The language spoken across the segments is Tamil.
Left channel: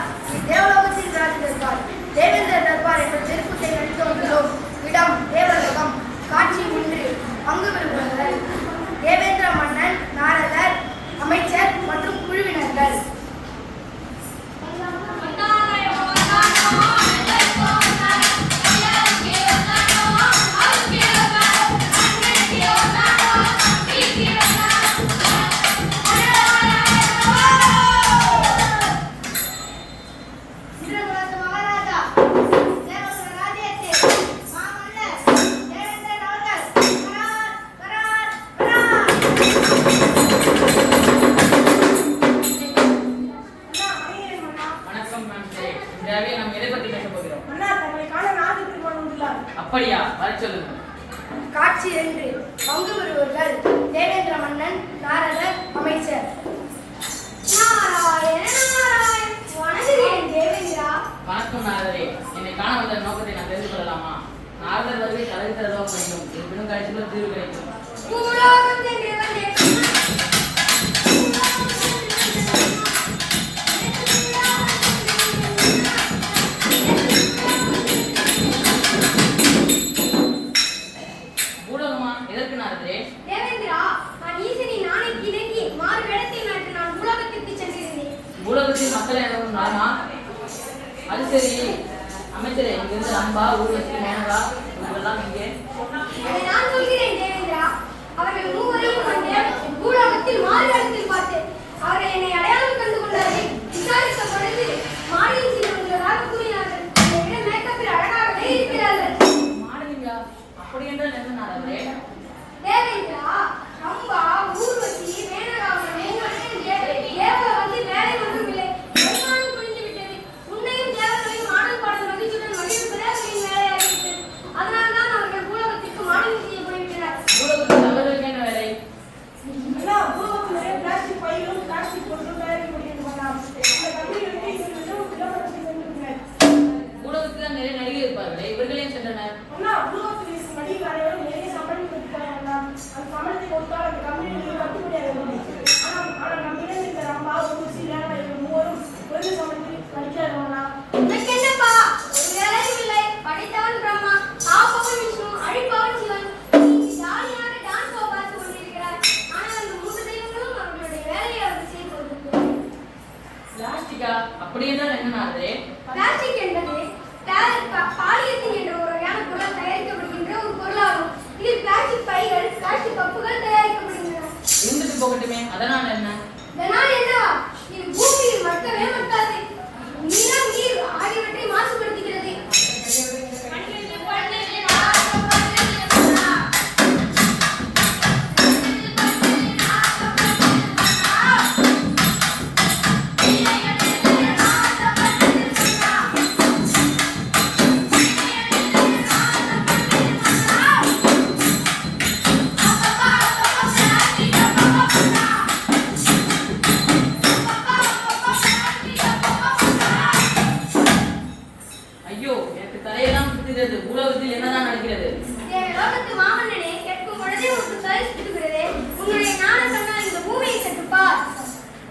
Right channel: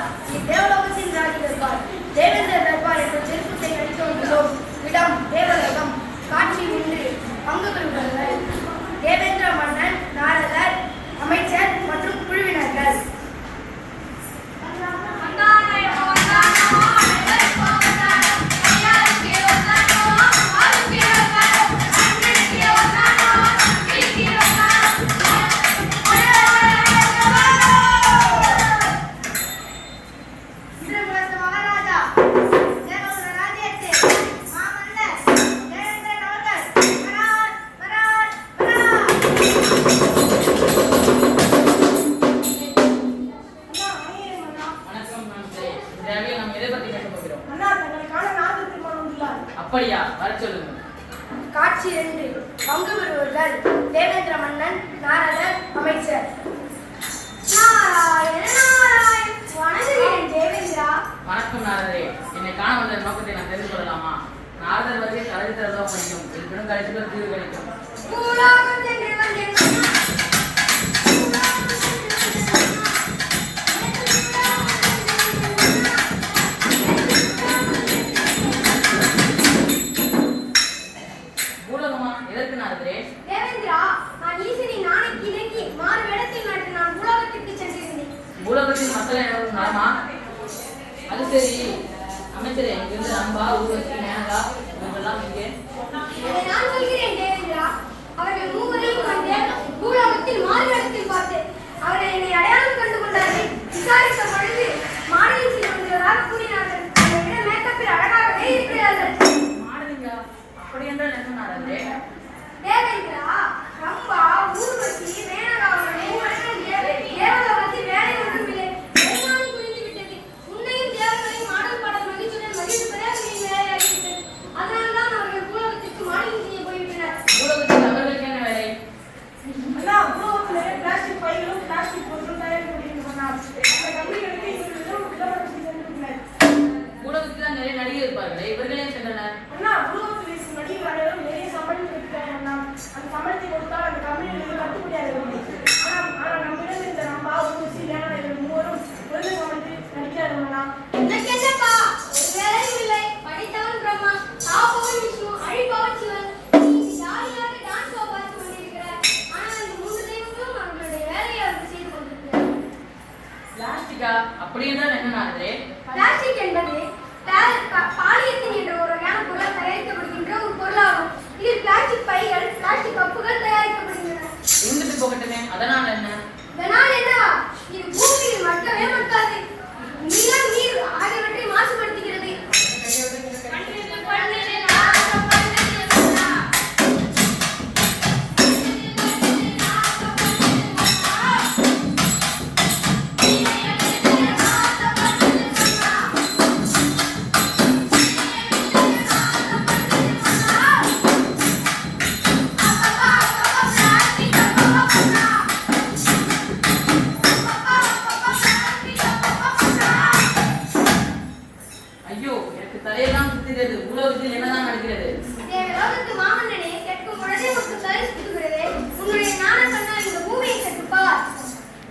தர்பார் தேவலோகத்தின் ராஜ தர்பார் தேவேந்திர தர்பார் என்ற திருப்பத்தை அளித்து வந்துள்ளோம். இடம் தேவலோகம். காட்சி 1. பங்கு பெறுபவர்கள் தேவேந்திர மன்னன், நாரதர், அமைச்சர் மற்றும் குழுவினர்கள். அப்படியா? வர சொல்லுங்க. காட்சி 2. பங்கு பெறுபவர்கள் தேவேந்திர மன்னன், நாரதர், அமைச்சர். வணங்குகிறேன் தேவேந்திரா. வணக்கம் நாரதரே. என்னை காண வந்த நோக்கத்தை நான் தெரிந்து கொள்ளலாமா? நாரதர் வருகை கலைத்தரதோ முடியும். இருப்பினும் கடைசியில் தீர்வு கிடைக்கும். பூலோகத்தில் மக்கள் எனவும் நலமா? அது சரி அமைச்சரே, இங்கிருந்து ரம்பா, ஊர்வசி, மேனகா இவங்கெல்லாம் இங்கே. நான் சொல்கிறேன் தேவேந்திரா. அவர்கள் மூவரையும் பூலோகத்தில் மாறுவேடத்தில் பார்த்தேன். அவர்கள் என்னை அடையாளம் கண்டு கொண்டார்கள். விசாரித்த பொழுது மாடலிங் செய்து வருவதாக கூறினார்கள். மேக்கப்பில் அழகாகவே இருக்கிறார்கள். மாடலிங்கா? அப்படி என்றால் என்ன நாரதரே? தேவேந்திரா, ரம்பா, ஊர்வசி, மேனகா தேவலோகத்தில் வேலை ஒன்றும் இல்லை. எல்லாம் புரிந்து விட்டது. உன்னையும் தேவர்களையும் மாடல் பாடல் மகிழ்ச்சியுடன் மகிழ்ச்சியாக வேலையாகிவிட்டது. அதனால்தான் அவர்கள் பூலோகத்திற்கு மாடலிங் செய்ய போய்விட்டனர். பூலோகத்தில் அவர்களுக்கு என்ன வேலை? அண்ணா, பூலோகத்திலே பிளாஸ்டிக் பைகளும் பிளாஸ்டிக் பொருட்களும் தயாரிக்கப்படுகின்றன. அந்த கம்பெனிகளுக்கு இவர்களும் விளம்பரத்தை சென்றுள்ளனர். பூலோகத்தில் தான் நிறைய நடிகை இருப்பார்கள். இவர்களே சென்றனர். அண்ணா, பூலோகத்தில் இருக்கும் நடிகர் அனைவரும் நிறைய சம்பளம் பெற்றுட்டாங்க. அந்த சம்பளத்தை கொடுத்தால் அந்த கம்பெனிகளுக்கு கட்டுப்படியாகவில்லை. ஆனால் நம்மிடம் இந்த ரம்பா, ஊர்வசி, மேனகா இவர்கள் மூவரும் குறைந்த சம்பளத்தில் நடிக்கிறார்களா? எனக்கு என்னப்பா, ஒரு வேலையும் இல்லை. படைத்தவன் பிரம்மா, காப்பவன் விஷ்ணு, அழிப்பவன் சிவன். ஜாலியாக டான்ஸ் பார்த்து கொண்டிருக்கிறார். ஆனால் அந்த 3 தெய்வங்களும் அவர்களுடைய வேலையை அவர்கள் செய்து கொண்டிருக்கிறார். பிளாஸ்டிக்கா? அப்படி என்றால் என்ன நாரதரே? பிளாஸ்டிக் என்பது பாலியத்தின் என்ற ஒரு வகையான பொருளால் தயாரிக்கப்படுகின்ற ஒரு பொருளாகும். இதில் பிளாஸ்டிக் பைகள், பிளாஸ்டிக் கப்புகள் தயாரிக்கப்படுகின்றன. இருந்துட்டு போகட்டுமே, அதனால் என்ன? இதனால் என்னவா? இது பூமியில் மக்கவே மக்காது. நிலம், நீர் ஆகியவற்றை மாசுபடுத்துகிறது. பூலோகத்தில் என்னதான் நடக்கிறது? தேவலோகத்து மாமன்னனே, கேட்கும் பொழுதே உனக்கு தலை சுற்றுகிறதே. உன்னுடைய ஞான கண்ணால் இந்த பூமியை சற்றுப்பார்.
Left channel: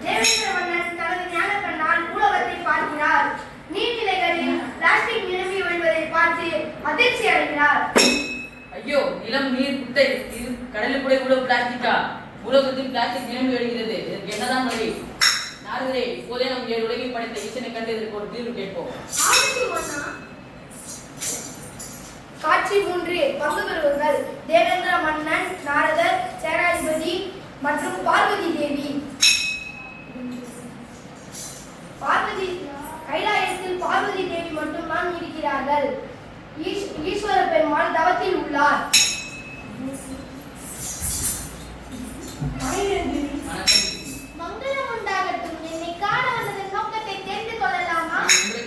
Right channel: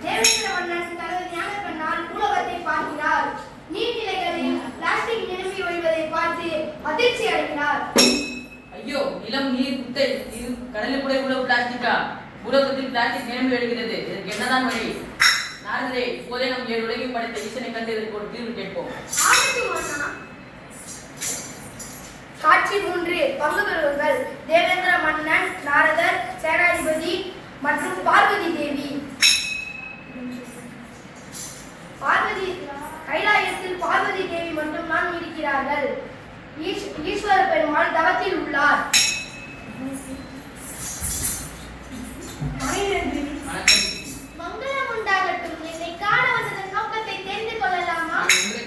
தேவேந்திர மன்னன் தனது ஞான கண்ணால் பூலோகத்தை பார்க்கிறார். நீர்நிலைகளில் பிளாஸ்டிக் நிரம்பி வழிவதை பார்த்து அதிர்ச்சி அடைகிறார். ஐயோ, நிலம், நீர், குட்டை, இது கடலில் கூட இவ்வளவு பிளாஸ்டிக்கா? பூலோகத்தில் பிளாஸ்டிக் நிரம்பி வருகிறது. இதற்கு என்னதான் வழி? நாரதரே, இப்போதே நம் உலகை படைத்த ஈசனை கண்டு இதற்கு ஒரு தீர்வு கேட்போம். காட்சி 3. பங்கு பெறுபவர்கள் தேவேந்திர மன்னன், நாரதர், சேனாதிபதி மற்றும் பார்வதி தேவி. கைலாயத்தில் பார்வதி தேவி மட்டும்தான் இருக்கிறார்கள். ஈஸ்வர பெருமாள் தவத்தில் உள்ளார். மங்களம் உண்டாகட்டும். என்னை காண வந்ததன் நோக்கத்தை தெரிந்து கொள்ளலாமா?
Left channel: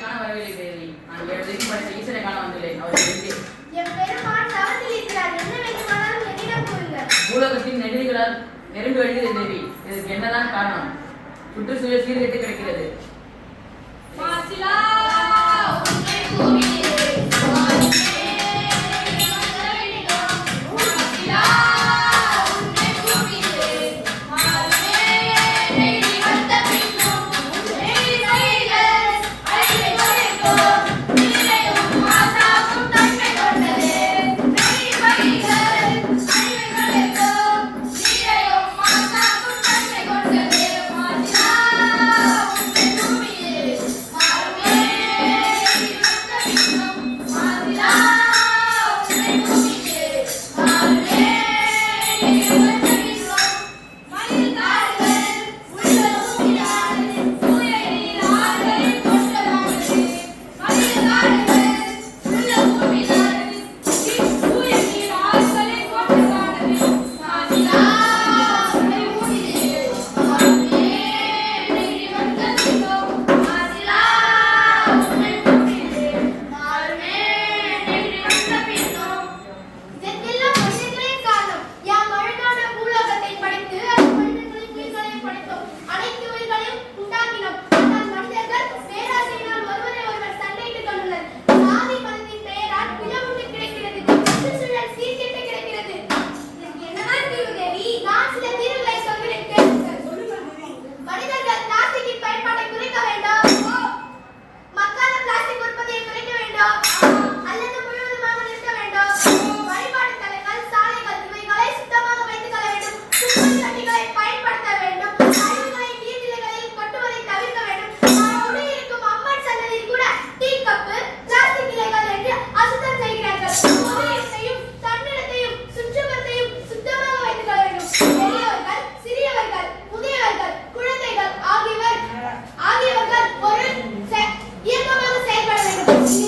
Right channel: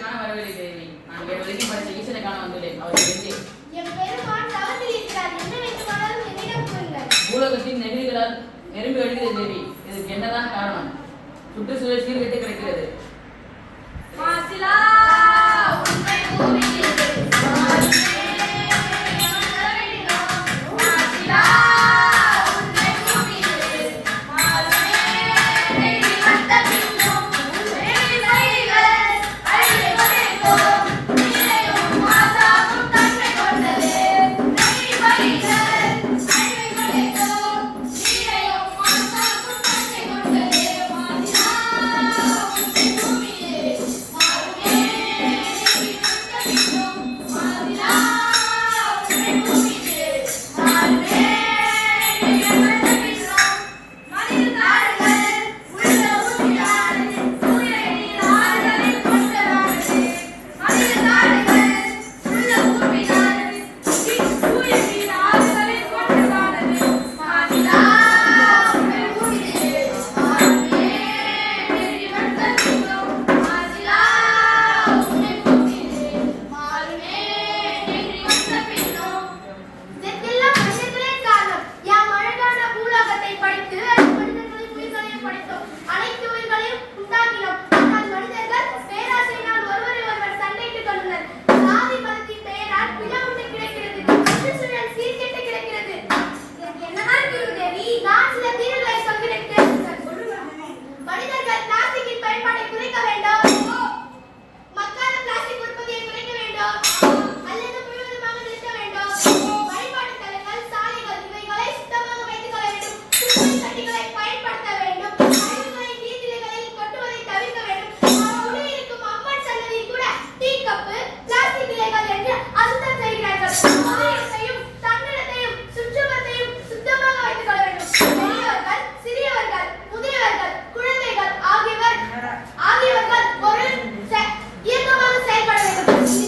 காண வரவில்லை தேவி. நான் ஈசனை காண வந்துள்ளேன். அவர் என் பெருமான் தவத்தில் இருக்கிறார். என்ன வேண்டுமானாலும் என்னிடம் கூறுங்கள். பூலோகத்தின் நெகிழிகளால் நிரம்பி வழிகிறது தேவி. இதற்கு என்னதான் காரணம்? சுற்றுச்சூழல் சீர்கெட்டு கிடக்கிறது. பேசி